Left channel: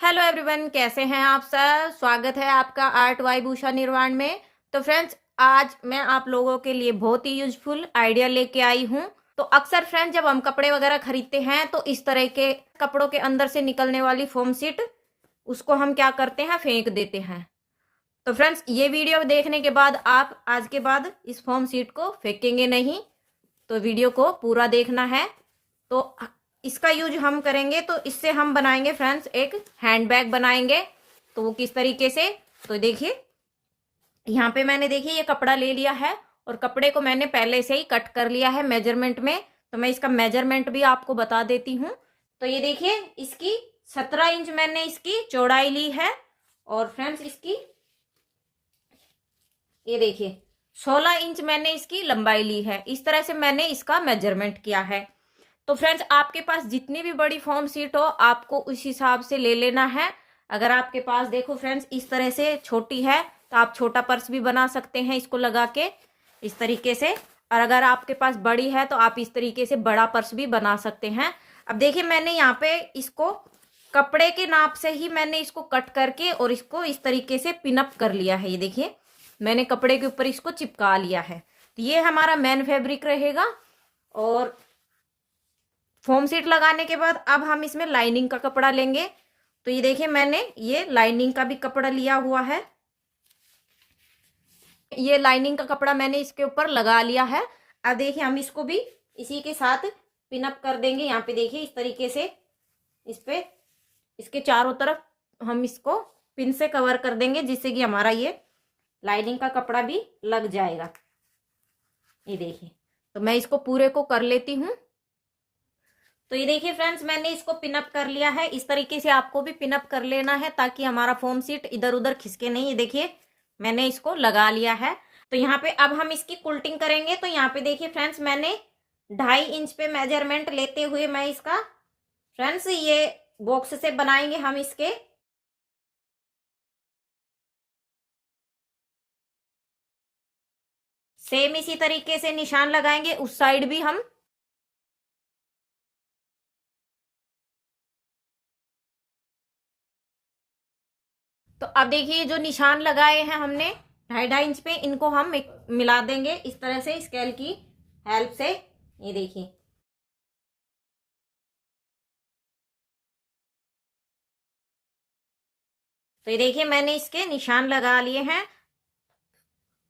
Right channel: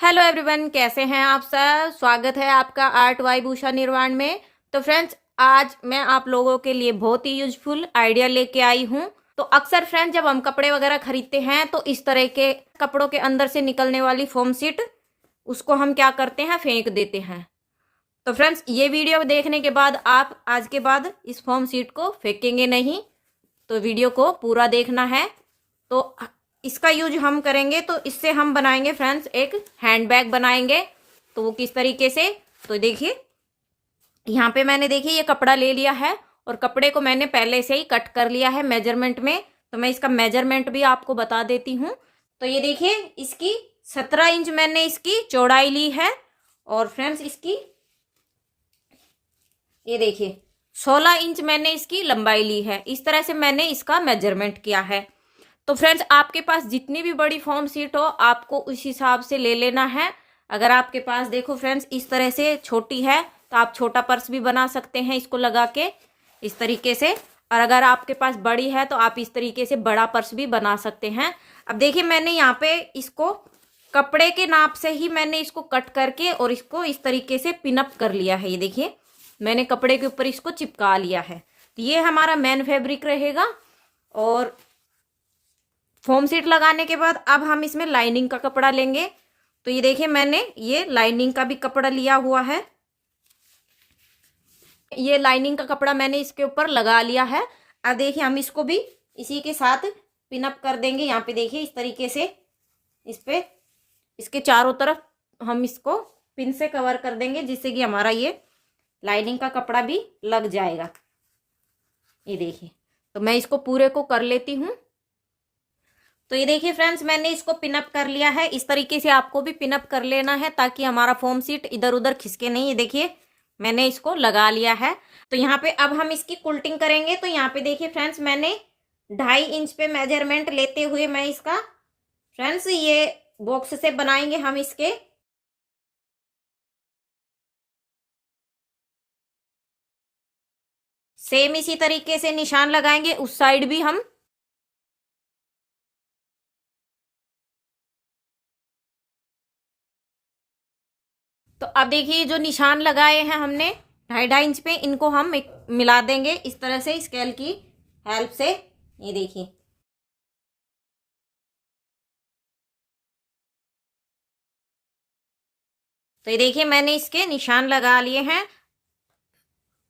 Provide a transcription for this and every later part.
Hello everyone, कैसे हैं आप सब। स्वागत है आपका आर्ट वाइब उषा निर्वाण में। तो फ्रेंड्स, आज मैं आप लोगों के लिए बहुत ही यूजफुल आइडिया लेके आई हूँ। तो अक्सर फ्रेंड्स, जब हम कपड़े वगैरह खरीदते हैं तो इस तरह के कपड़ों के अंदर से निकलने वाली फोम शीट, उसको हम क्या करते हैं, फेंक देते हैं। तो फ्रेंड्स, ये वीडियो देखने के बाद आप आज के बाद इस फोम शीट को फेंकेंगे नहीं। तो वीडियो को पूरा देखना है। तो इसका यूज हम करेंगे, तो इससे हम बनाएंगे फ्रेंड्स एक हैंड बैग बनाएंगे। तो वो किस तरीके से, तो देखिए यहाँ पे मैंने देखिए ये कपड़ा ले लिया है और कपड़े को मैंने पहले से ही कट कर लिया है मेजरमेंट में। तो मैं इसका मेजरमेंट भी आपको बता देती हूँ। तो ये देखिए, इसकी 17 इंच मैंने इसकी चौड़ाई ली है और फ्रेंड्स इसकी ये देखिए 16 इंच मैंने इसकी लंबाई ली है। इस तरह से मैंने इसका मेजरमेंट किया है। तो फ्रेंड्स, आपके पास जितनी भी बड़ी फॉर्म शीट हो आपको उस हिसाब से ले लेना है। अगर आपके पास देखो फ्रेंड्स इस तरह से छोटी है तो आप छोटा पर्स भी बना सकते हैं इसको लगा के इस तरीके से। और अगर आपके पास बड़ी है तो आप इस तरीके से बड़ा पर्स भी बना सकते हैं। अब देखिए, मैंने यहाँ पे इसको कपड़े के नाप से ही मैंने इसको कट करके और इसको इस तरीके से पिनअप कर लिया है। ये देखिए, मैंने कपड़े के ऊपर इसको चिपका लिया है। तो ये हमारा मेन फैब्रिक रहेगा। और फोम शीट लगाने के बाद अब हम इसमें लाइनिंग का कपड़ा लेंगे। तो ये देखिए, मैंने ये लाइनिंग का भी कपड़ा लिया हुआ है। ये लाइनिंग का कपड़ा मैंने इसके ऊपर लगा लिया है। अब देखिए, हम इसको भी इसी के साथ पिनअप कर देंगे। यहाँ पे देखिए इस तरीके से इस पे इसके चारों तरफ हम इसको पिन से कवर कर देंगे, जिससे कि हमारा ये लाइनिंग का कपड़ा भी लग जाएगा। ये देखिए, तो मैं इसको पूरे को कर लेती हूँ। तो ये देखिए फ्रेंड्स, मैंने इसको पिनअप कर लिया है। इस तरीके से आपको भी पिनअप कर लेना है ताकि हमारा फोम शीट इधर उधर खिसके नहीं। ये देखिए, मैंने इसको लगा लिया है। तो यहाँ पे अब हम इसकी कुल्टिंग करेंगे। तो यहाँ पे देखिए फ्रेंड्स, मैंने 2.5 इंच पे मेजरमेंट लेते हुए मैं इसका फ्रेंड्स ये बॉक्स से बनाएंगे हम इसके। सेम इसी तरीके से निशान लगाएंगे उस साइड भी हम। तो अब देखिए, जो निशान लगाए हैं हमने 2.5 इंच पे, इनको हम एक मिला देंगे इस तरह से स्केल की हेल्प से। ये देखिए, तो ये देखिए मैंने इसके निशान लगा लिए हैं।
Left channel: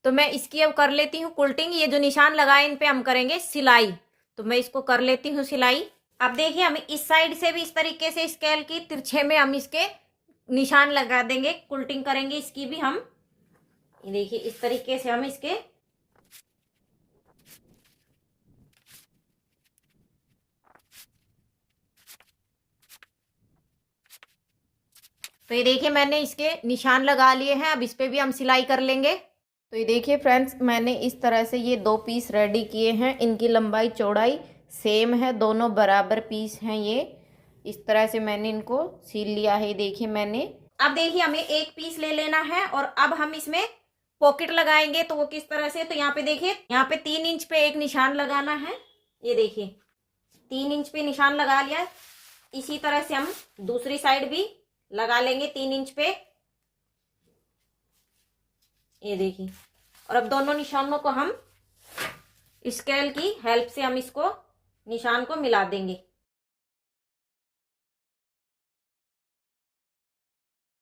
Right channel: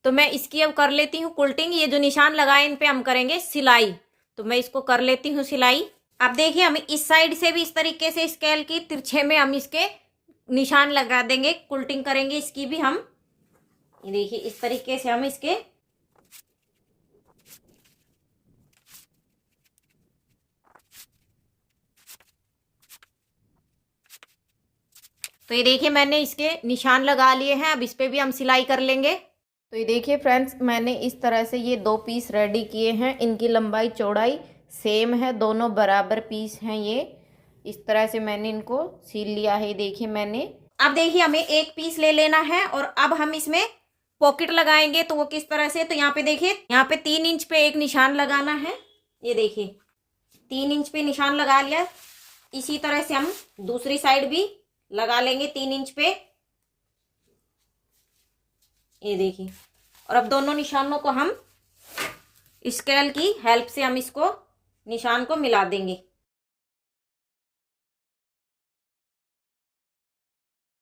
तो मैं इसकी अब कर लेती हूँ कुल्टिंग। ये जो निशान लगाए इन पे हम करेंगे सिलाई। तो मैं इसको कर लेती हूँ सिलाई। अब देखिए, हम इस साइड से भी इस तरीके से स्केल की तिरछे में हम इसके निशान लगा देंगे, कुल्टिंग करेंगे इसकी भी हम। ये देखिए, इस तरीके से हम इसके तो ये देखिए, मैंने इसके निशान लगा लिए हैं। अब इस पे भी हम सिलाई कर लेंगे। तो ये देखिए फ्रेंड्स, मैंने इस तरह से ये 2 पीस रेडी किए हैं। इनकी लंबाई चौड़ाई सेम है, दोनों बराबर पीस हैं ये। इस तरह से मैंने इनको सील लिया है। देखिए मैंने, अब देखिए हमें एक पीस ले लेना है और अब हम इसमें पॉकेट लगाएंगे। तो वो किस तरह से, तो यहाँ पे देखिए, यहाँ पे 3 इंच पे एक निशान लगाना है। ये देखिए 3 इंच पे निशान लगा लिया। इसी तरह से हम दूसरी साइड भी लगा लेंगे 3 इंच पे। ये देखिए, और अब दोनों निशानों को हम स्केल की हेल्प से हम इसको निशान को मिला देंगे।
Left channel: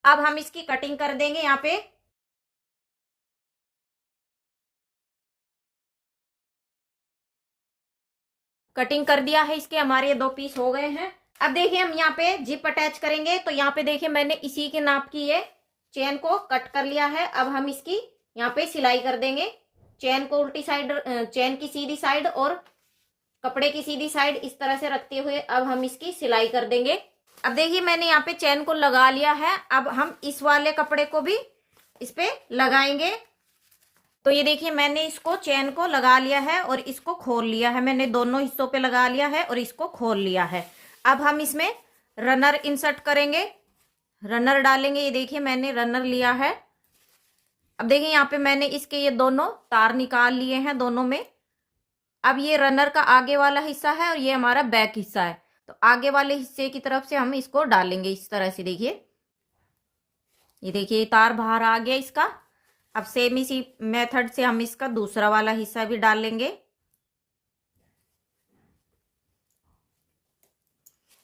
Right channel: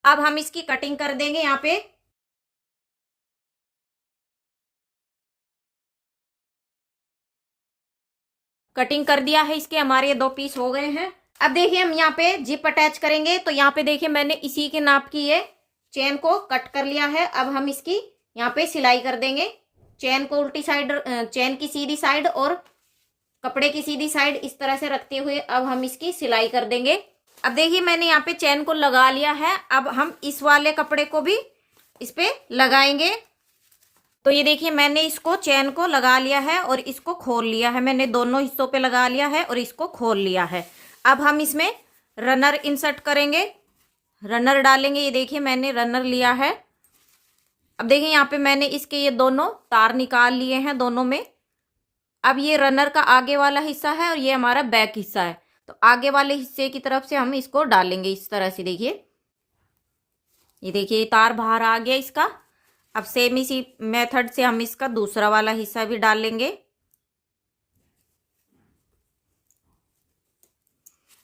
अब हम इसकी कटिंग कर देंगे। यहाँ पे कटिंग कर दिया है इसके, हमारे ये 2 पीस हो गए हैं। अब देखिए, हम यहाँ पे जिप अटैच करेंगे। तो यहाँ पे देखिए, मैंने इसी के नाप की ये चेन को कट कर लिया है। अब हम इसकी यहाँ पे सिलाई कर देंगे। चेन को उल्टी साइड, चेन की सीधी साइड और कपड़े की सीधी साइड इस तरह से रखते हुए अब हम इसकी सिलाई कर देंगे। अब देखिए, मैंने यहाँ पे चेन को लगा लिया है। अब हम इस वाले कपड़े को भी इस पे लगाएंगे। तो ये देखिए, मैंने इसको चेन को लगा लिया है और इसको खोल लिया है। मैंने दोनों हिस्सों पे लगा लिया है और इसको खोल लिया है। अब हम इसमें रनर इंसर्ट करेंगे, रनर डालेंगे। ये देखिए, मैंने रनर लिया है। अब देखिए, यहाँ पे मैंने इसके ये दोनों तार निकाल लिए हैं दोनों में। अब ये रनर का आगे वाला हिस्सा है और ये हमारा बैक हिस्सा है। तो आगे वाले हिस्से की तरफ से हम इसको डालेंगे इस तरह से। देखिए, ये देखिए ये तार बाहर आ गया इसका। अब सेम इसी मेथड से हम इसका दूसरा वाला हिस्सा भी डाल लेंगे।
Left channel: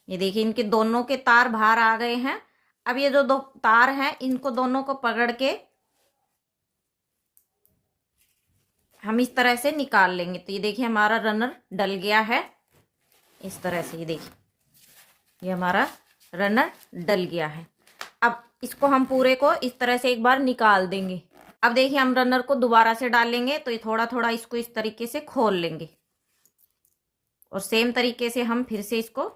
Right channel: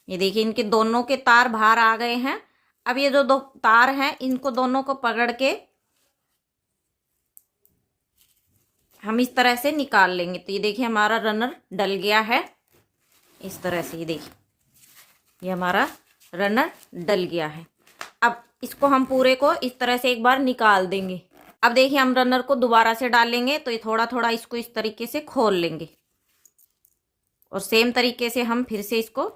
ये देखिए इनके दोनों के तार बाहर आ गए हैं। अब ये जो दो तार हैं इनको दोनों को पकड़ के हम इस तरह से निकाल लेंगे। तो ये देखिए हमारा रनर डल गया है इस तरह से। ये देखिए ये हमारा रनर डल गया है। अब इसको हम पूरे को इस तरह से एक बार निकाल देंगे। अब देखिए हम रनर को दोबारा से डालेंगे तो ये थोड़ा थोड़ा इसको इस तरीके से खोल लेंगे और सेम तरीके से हम फिर से इसको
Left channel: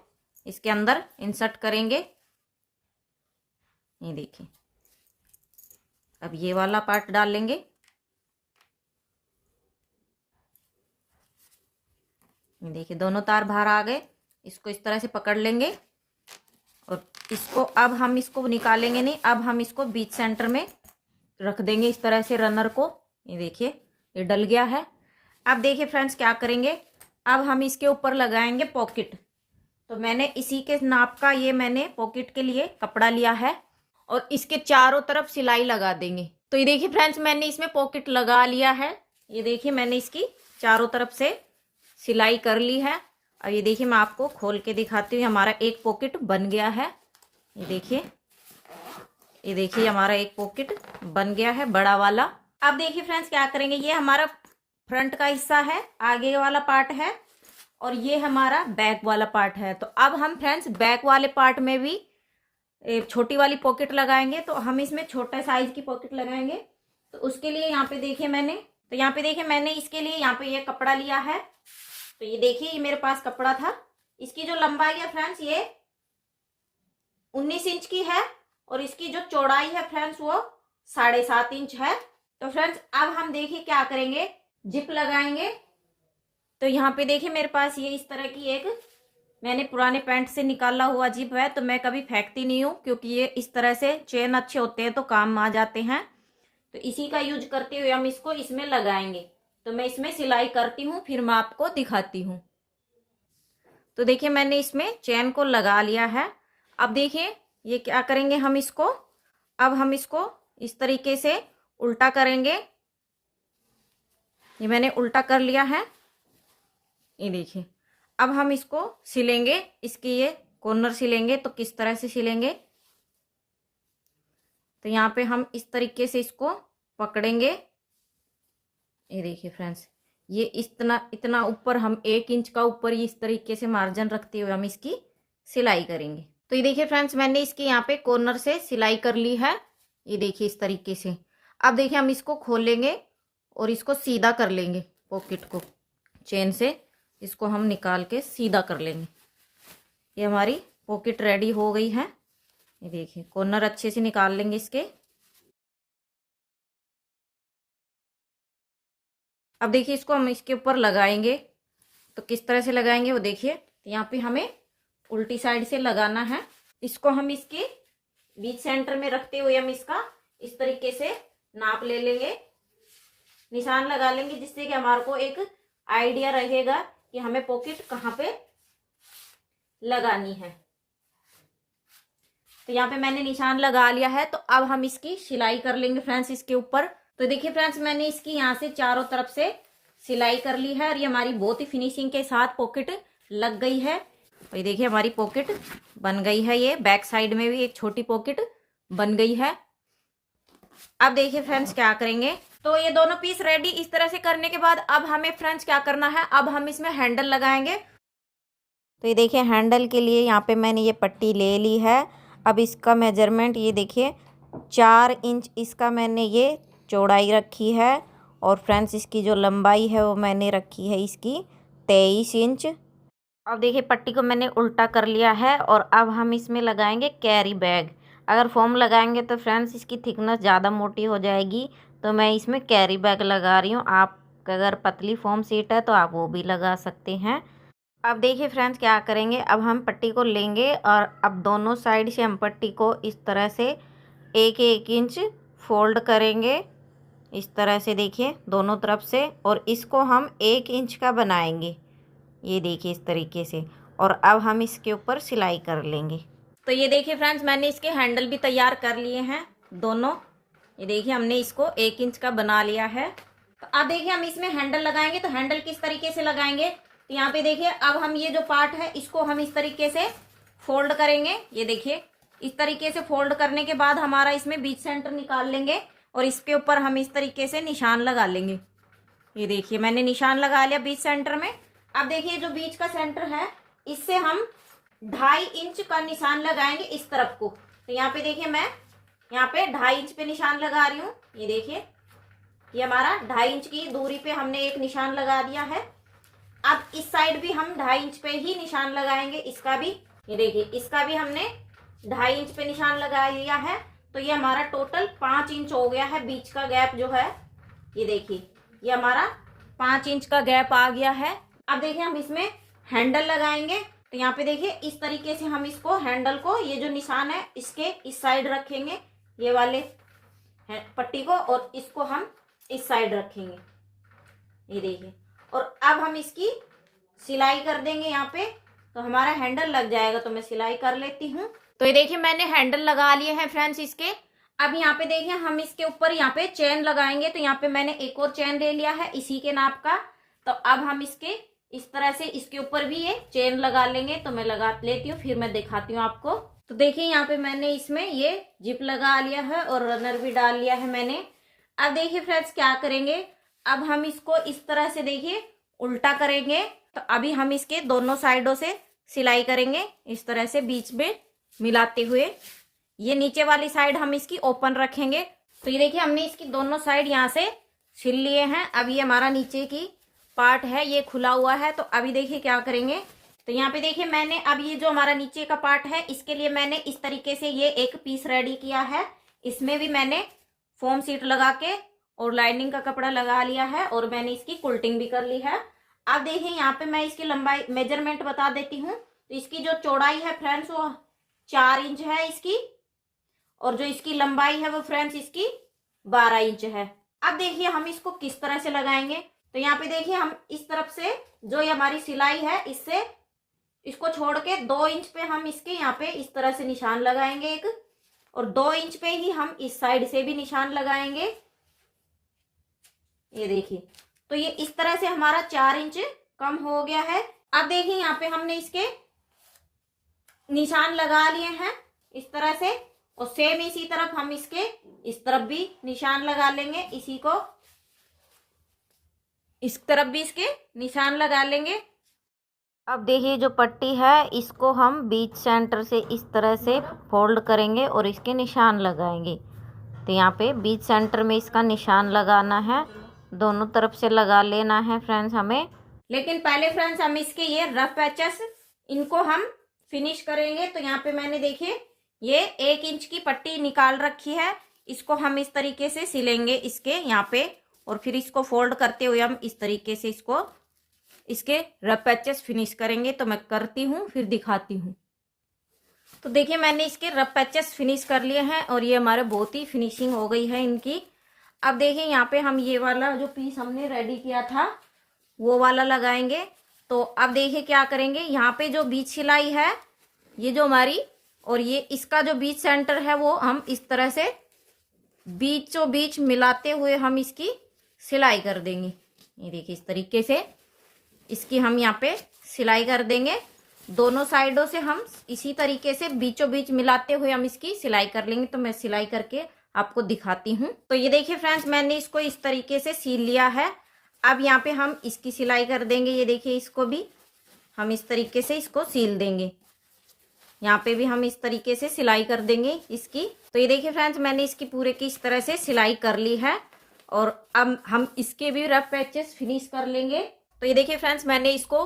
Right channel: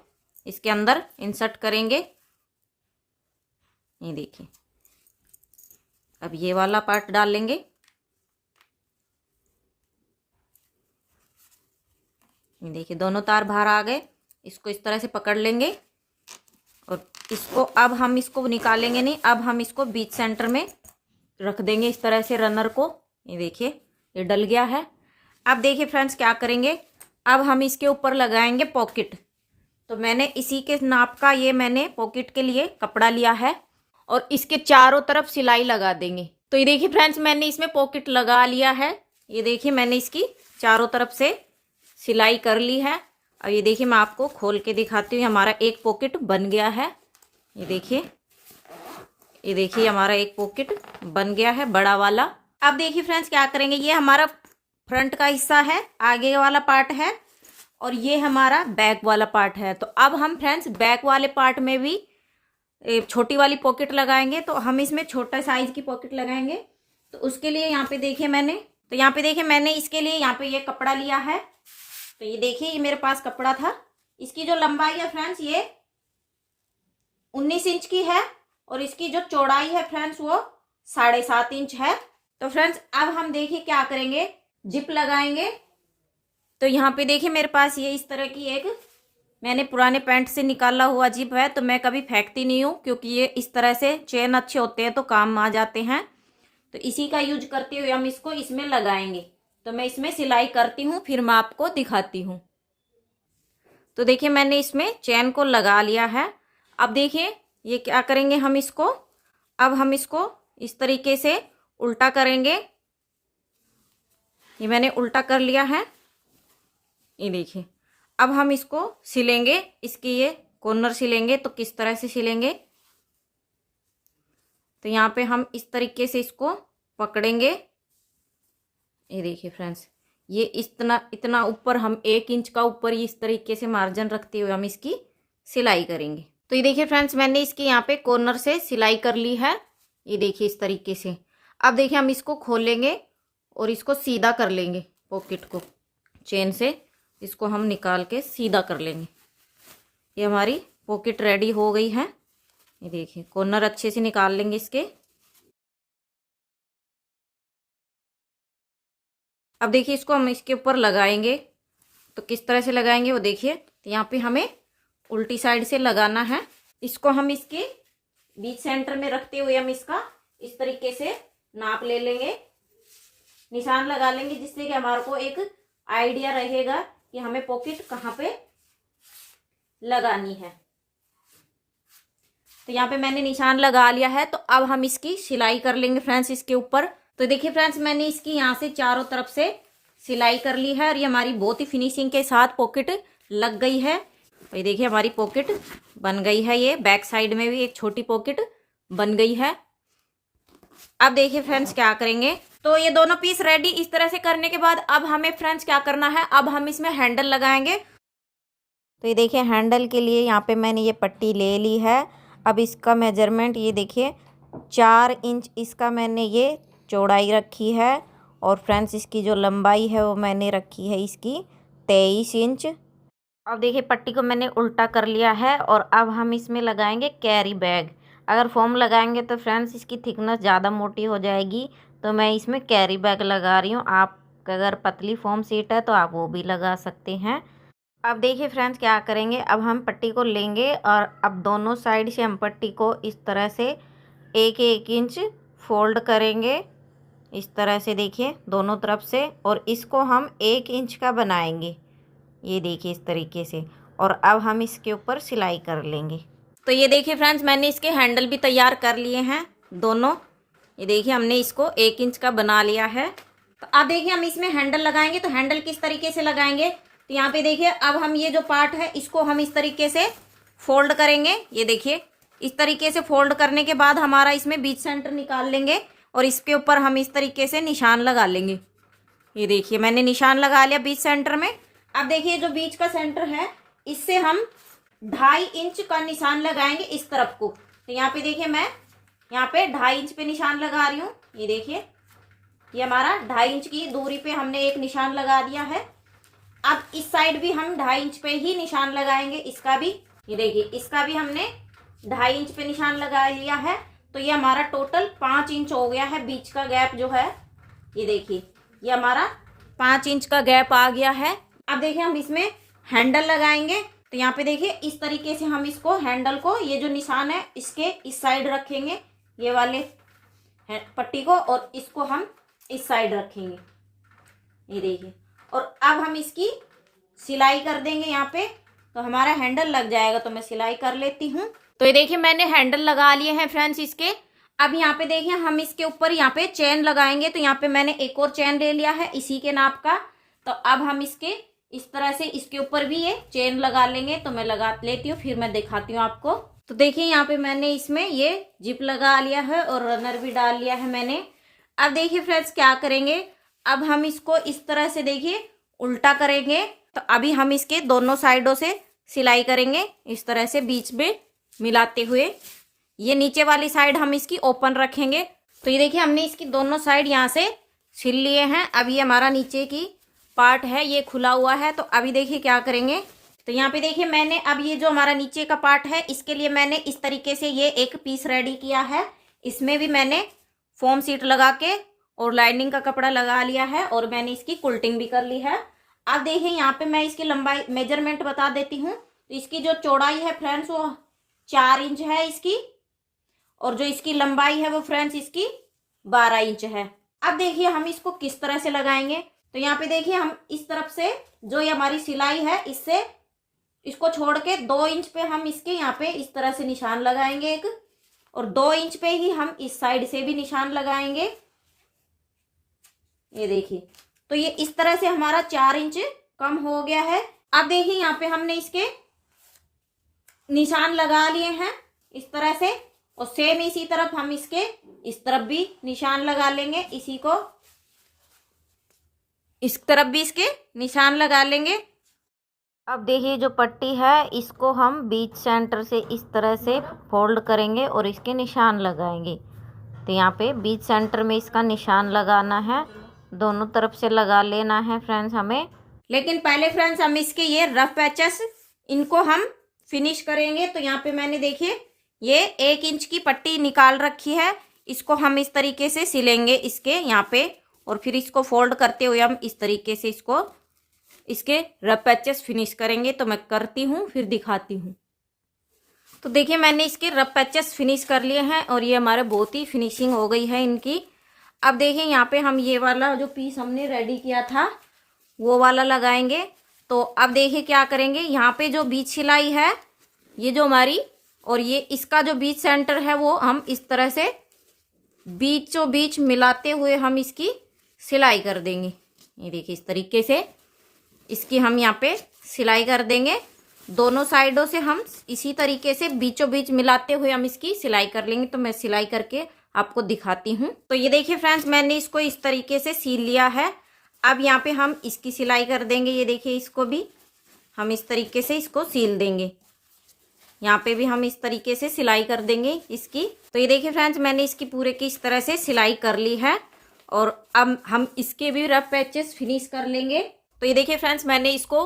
इसके अंदर इंसर्ट करेंगे। ये देखिए अब ये वाला पार्ट डाल लेंगे। ये देखिए दोनों तार बाहर आ गए। इसको इस तरह से पकड़ लेंगे और इसको अब हम इसको निकालेंगे नहीं। अब हम इसको बीच सेंटर में रख देंगे इस तरह से रनर को। ये देखिए ये डल गया है। अब देखिए फ्रेंड्स क्या करेंगे, अब हम इसके ऊपर लगाएंगे पॉकेट। तो मैंने इसी के नाप का ये मैंने पॉकेट के लिए कपड़ा लिया है और इसके चारों तरफ सिलाई लगा देंगे। तो ये देखिए फ्रेंड्स मैंने इसमें पॉकेट लगा लिया है। ये देखिए मैंने इसकी चारों तरफ से सिलाई कर ली है। अब ये देखिए मैं आपको खोल के दिखाती हूँ। हमारा एक पॉकेट बन गया है। ये देखिए हमारा एक पॉकेट बन गया है बड़ा वाला। अब देखिए फ्रेंड्स क्या करेंगे, ये हमारा फ्रंट का हिस्सा है, आगे वाला पार्ट है और ये हमारा बैक वाला पार्ट है। तो अब हम फ्रेंड्स बैक वाले पार्ट में भी एक छोटी वाली पॉकेट लगाएंगे। तो हम इसमें छोटा साइज की पॉकेट लगाएंगे। तो उसके लिए यहाँ पे देखिए मैंने इसके लिए यहाँ पे ये कपड़ा लिया है। तो ये देखिए ये मेरे पास कपड़ा था। इसकी जो लंबाई है फ्रेंड्स ये 19 इंच की है और इसकी जो चौड़ाई है फ्रेंड्स वो 7.5 इंच है। तो फ्रेंड्स अब हम देखिए क्या करेंगे, जिप लगाएंगे। तो यहाँ पे देखिए मेरे पास ये इस तरह की एक मैंने पुराने पैंट से निकाला हुआ जिप है। तो मैं कभी फेंकती नहीं हूँ क्योंकि ये इस तरह से चेन अच्छे होते हैं तो काम आ जाते हैं। तो इसी का यूज करते हुए हम इसको इसमें लगाएंगे। तो मैं इसमें सिलाई करती हूँ फिर मैं आपको दिखाती हूँ। तो देखिए मैंने इसमें चेन को लगा लिया है। अब देखिए ये क्या करेंगे हम इसको, अब हम इसको इस तरीके से उल्टा करेंगे। ये मैंने उल्टा कर लिया है। ये देखिए अब हम इसको सिलेंगे, इसकी ये कॉर्नर सिलेंगे। तो किस तरह से सिलेंगे, तो यहाँ पे हम इस तरीके से इसको पकड़ेंगे। ये देखिए फ्रेंड्स ये इतना ऊपर हम 1 इंच का ऊपर इस तरीके से मार्जिन रखते हुए हम इसकी सिलाई करेंगे। तो ये देखिए फ्रेंड्स मैंने इसकी यहाँ पे कॉर्नर से सिलाई कर ली है। ये देखिए इस तरीके से। अब देखिए हम इसको खोलेंगे और इसको सीधा कर लेंगे, पॉकेट को चेन से इसको हम निकाल के सीधा कर लेंगे। ये हमारी पॉकेट रेडी हो गई है। ये देखिए कॉर्नर अच्छे से निकाल लेंगे इसके। अब देखिए इसको हम इसके ऊपर लगाएंगे। तो किस तरह से लगाएंगे वो देखिए। तो यहाँ पे हमें उल्टी साइड से लगाना है। इसको हम इसके बीच सेंटर में रखते हुए हम इसका इस तरीके से नाप ले लेंगे, निशान लगा लेंगे, जिससे कि हमारे को एक आइडिया रहेगा कि हमें पॉकेट कहाँ पे लगानी है। तो यहाँ पे मैंने निशान लगा लिया है। तो अब हम इसकी सिलाई कर लेंगे फ्रेंड्स इसके ऊपर। तो देखिए फ्रेंड्स मैंने इसकी यहाँ से चारों तरफ से सिलाई कर ली है और ये हमारी बहुत ही फिनिशिंग के साथ पॉकेट लग गई है। तो ये देखिए हमारी पॉकेट बन गई है। ये बैक साइड में भी एक छोटी पॉकेट बन गई है। अब देखिए फ्रेंड्स क्या करेंगे, तो ये दोनों पीस रेडी इस तरह से करने के बाद अब हमें फ्रेंड्स क्या करना है, अब हम इसमें हैंडल लगाएंगे। तो ये देखिए हैंडल के लिए यहाँ पे मैंने ये पट्टी ले ली है। अब इसका मेजरमेंट ये देखिए 4 इंच इसका मैंने ये चौड़ाई रखी है और फ्रेंड्स इसकी जो लंबाई है वो मैंने रखी है इसकी 23 इंच। अब देखिए पट्टी को मैंने उल्टा कर लिया है और अब हम इसमें लगाएंगे कैरी बैग। अगर फोम लगाएंगे तो फ्रेंड्स इसकी थिकनेस ज़्यादा मोटी हो जाएगी, तो मैं इसमें कैरी बैग लगा रही हूँ। आप अगर पतली फोम सीट है तो आप वो भी लगा सकते हैं। अब देखिए फ्रेंड्स क्या करेंगे, अब हम पट्टी को लेंगे और अब दोनों साइड से हम पट्टी को इस तरह से 1-1 इंच फोल्ड करेंगे इस तरह से, देखिए दोनों तरफ से, और इसको हम 1 इंच का बनाएंगे। ये देखिए इस तरीके से। और अब हम इसके ऊपर सिलाई कर लेंगे। तो ये देखिए फ्रेंड्स मैंने इसके हैंडल भी तैयार कर लिए हैं। दोनों। ये देखिए हमने इसको 1 इंच का बना लिया है। तो अब देखिए हम इसमें हैंडल लगाएंगे। तो हैंडल किस तरीके से लगाएंगे, तो यहाँ पे देखिए अब हम ये जो पार्ट है इसको हम इस तरीके से फोल्ड करेंगे। ये देखिए इस तरीके से फोल्ड करने के बाद हमारा इसमें बीच सेंटर निकाल लेंगे और इसके ऊपर हम इस तरीके से निशान लगा लेंगे। ये देखिए मैंने निशान लगा लिया बीच सेंटर में। अब देखिए जो बीच का सेंटर है इससे हम 2.5 इंच का निशान लगाएंगे इस तरफ को। तो यहाँ पे देखिए मैं यहाँ पे 2.5 इंच पे निशान लगा रही हूँ। ये देखिए ये हमारा 2.5 इंच की दूरी पे हमने एक निशान लगा दिया है। अब इस साइड भी हम 2.5 इंच पे ही निशान लगाएंगे, इसका भी। ये देखिए इसका भी हमने 2.5 इंच पे निशान लगा लिया है। तो ये हमारा टोटल 5 इंच हो गया है बीच का गैप जो है। ये देखिए ये हमारा 5 इंच का गैप आ गया है। अब देखिए हम इसमें हैंडल लगाएंगे। तो यहाँ पे देखिए इस तरीके से हम इसको हैंडल को, ये जो निशान है इसके इस साइड रखेंगे, ये वाले पट्टी को, और इसको हम इस साइड रखेंगे। ये देखिए और अब हम इसकी सिलाई कर देंगे यहाँ पे। तो हमारा हैंडल लग जाएगा। तो मैं सिलाई कर लेती हूँ। तो ये देखिए मैंने हैंडल लगा लिए हैं फ्रेंड्स इसके। अब यहाँ पे देखिए हम इसके ऊपर यहाँ पे चेन लगाएंगे। तो यहाँ पे मैंने एक और चेन ले लिया है इसी के नाप का। तो अब हम इसके इस तरह से इसके ऊपर भी ये चेन लगा लेंगे। तो मैं लगा लेती हूँ, फिर मैं दिखाती हूँ आपको। तो देखिए यहाँ पे मैंने इसमें ये जिप लगा लिया है और रनर भी डाल लिया है मैंने। अब देखिए फ्रेंड्स क्या करेंगे, अब हम इसको इस तरह से देखिए उल्टा करेंगे। तो अभी हम इसके दोनों साइडों से सिलाई करेंगे इस तरह से बीच में मिलाते हुए। ये नीचे वाली साइड हम इसकी ओपन रखेंगे। तो ये देखिए हमने इसकी दोनों साइड यहाँ से सिल लिए हैं। अब ये हमारा नीचे की पार्ट है ये खुला हुआ है। तो अभी देखिए क्या करेंगे, तो यहाँ पे देखिए मैंने अब ये जो हमारा नीचे का पार्ट है इसके लिए मैंने इस तरीके से ये एक पीस रेडी किया है। इसमें भी मैंने फोम सीट लगा के और लाइनिंग का कपड़ा लगा लिया है और मैंने इसकी कुल्टिंग भी कर ली है। अब देखिए यहाँ पे मैं इसकी लंबाई मेजरमेंट बता देती हूँ। तो इसकी जो चौड़ाई है फ्रेंड्स वो 4 इंच है इसकी, और जो इसकी लंबाई है वो फ्रेंड्स इसकी 12 इंच है। अब देखिए हम इसको किस तरह से लगाएंगे। तो यहाँ पे देखिए हम इस तरफ से जो ये हमारी सिलाई है इससे इसको छोड़ के 2 इंच पे हम इसके यहाँ पे इस तरह से निशान लगाएंगे एक, और 2 इंच पे ही हम इस साइड से भी निशान लगाएंगे। ये देखिए तो ये इस तरह से हमारा 4 इंच कम हो गया है। अब देखिए यहाँ पे हमने इसके निशान लगा लिए हैं इस तरह से, और सेम इसी तरफ हम इसके इस तरफ भी निशान लगा लेंगे, इसी को इस तरफ भी इसके निशान लगा लेंगे। अब देखिए जो पट्टी है इसको हम बीच सेंटर से इस तरह से फोल्ड करेंगे और इसके निशान लगाएंगे। तो यहाँ पे बीच सेंटर में इसका निशान लगाना है, दोनों तरफ से लगा लेना है फ्रेंड्स हमें। लेकिन पहले फ्रेंड्स हम इसके ये रफ पैचेस इनको हम फिनिश करेंगे। तो यहाँ पे मैंने देखिए ये 1 इंच की पट्टी निकाल रखी है, इसको हम इस तरीके से सिलेंगे इसके यहाँ पे, और फिर इसको फोल्ड करते हुए हम इस तरीके से इसको इसके रफ पैचेस फिनिश करेंगे। तो मैं करती हूँ फिर दिखाती हूँ। तो देखिए मैंने इसके रफ पैचेस फिनिश कर लिए हैं और ये हमारे बहुत ही फिनिशिंग हो गई है इनकी। अब देखिए यहाँ पे हम ये वाला जो पीस हमने रेडी किया था वो वाला लगाएंगे। तो अब देखिए क्या करेंगे, यहाँ पे जो बीच सिलाई है ये जो हमारी, और ये इसका जो बीच सेंटर है वो हम इस तरह से बीचों बीच मिलाते हुए हम इसकी सिलाई कर देंगे। ये देखिए इस तरीके से इसकी हम यहाँ पे सिलाई कर देंगे। दोनों साइडों से हम इसी तरीके से बीचों बीच मिलाते हुए हम इसकी सिलाई कर लेंगे। तो मैं सिलाई करके आपको दिखाती हूँ। तो ये देखिए फ्रेंड्स मैंने इसको इस तरीके से सील लिया है। अब यहाँ पे हम इसकी सिलाई कर देंगे। ये देखिए इसको भी हम इस तरीके से इसको सील देंगे, यहाँ पे भी हम इस तरीके से सिलाई कर देंगे इसकी। तो ये देखिए फ्रेंड्स मैंने इसकी पूरे की इस तरह से सिलाई कर ली है, और अब हम इसके भी रफ पैचेस फिनिश कर लेंगे। तो ये देखिए फ्रेंड्स मैंने इसको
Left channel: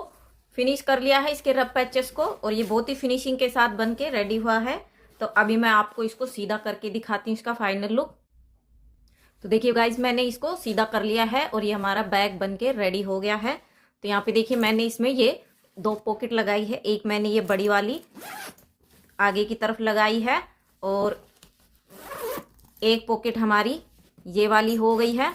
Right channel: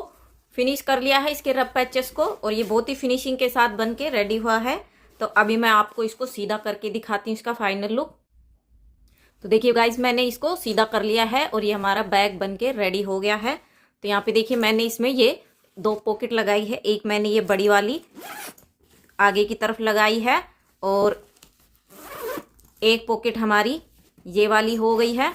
फिनिश कर लिया है इसके रफ पैचेस को, और ये बहुत ही फिनिशिंग के साथ बन के रेडी हुआ है। तो अभी मैं आपको इसको सीधा करके दिखाती हूँ इसका फाइनल लुक। तो देखिए गाइज मैंने इसको सीधा कर लिया है और ये हमारा बैग बन के रेडी हो गया है। तो यहाँ पे देखिए मैंने इसमें ये 2 पॉकेट लगाई है, एक मैंने ये बड़ी वाली आगे की तरफ लगाई है, और एक पॉकेट हमारी ये वाली हो गई है।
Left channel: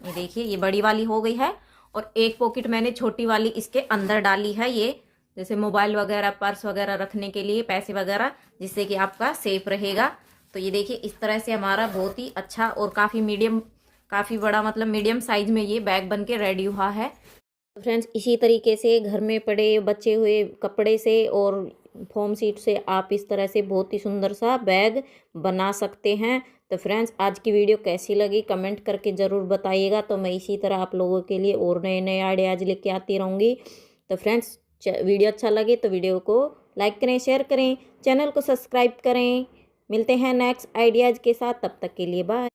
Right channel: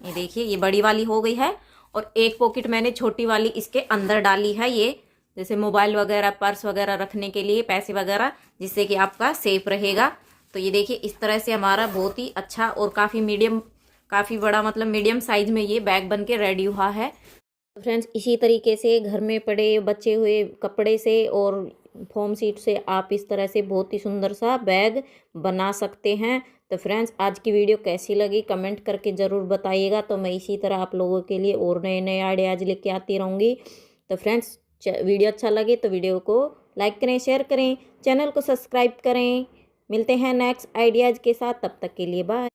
ये देखिए ये बड़ी वाली हो गई है, और एक पॉकेट मैंने छोटी वाली इसके अंदर डाली है, ये जैसे मोबाइल वगैरह पर्स वगैरह रखने के लिए, पैसे वगैरह, जिससे कि आपका सेफ रहेगा। तो ये देखिए इस तरह से हमारा बहुत ही अच्छा और काफ़ी बड़ा मतलब मीडियम साइज में ये बैग बन के रेडी हुआ है। तो फ्रेंड्स इसी तरीके से घर में पड़े बचे हुए कपड़े से और फोम शीट से आप इस तरह से बहुत ही सुंदर सा बैग बना सकते हैं। तो फ्रेंड्स आज की वीडियो कैसी लगी कमेंट करके ज़रूर बताइएगा। तो मैं इसी तरह आप लोगों के लिए और नए नए आइडियाज़ लेके आती रहूँगी। तो फ्रेंड्स वीडियो अच्छा लगे तो वीडियो को लाइक करें, शेयर करें, चैनल को सब्सक्राइब करें। मिलते हैं नेक्स्ट आइडियाज़ के साथ, तब तक के लिए बाय।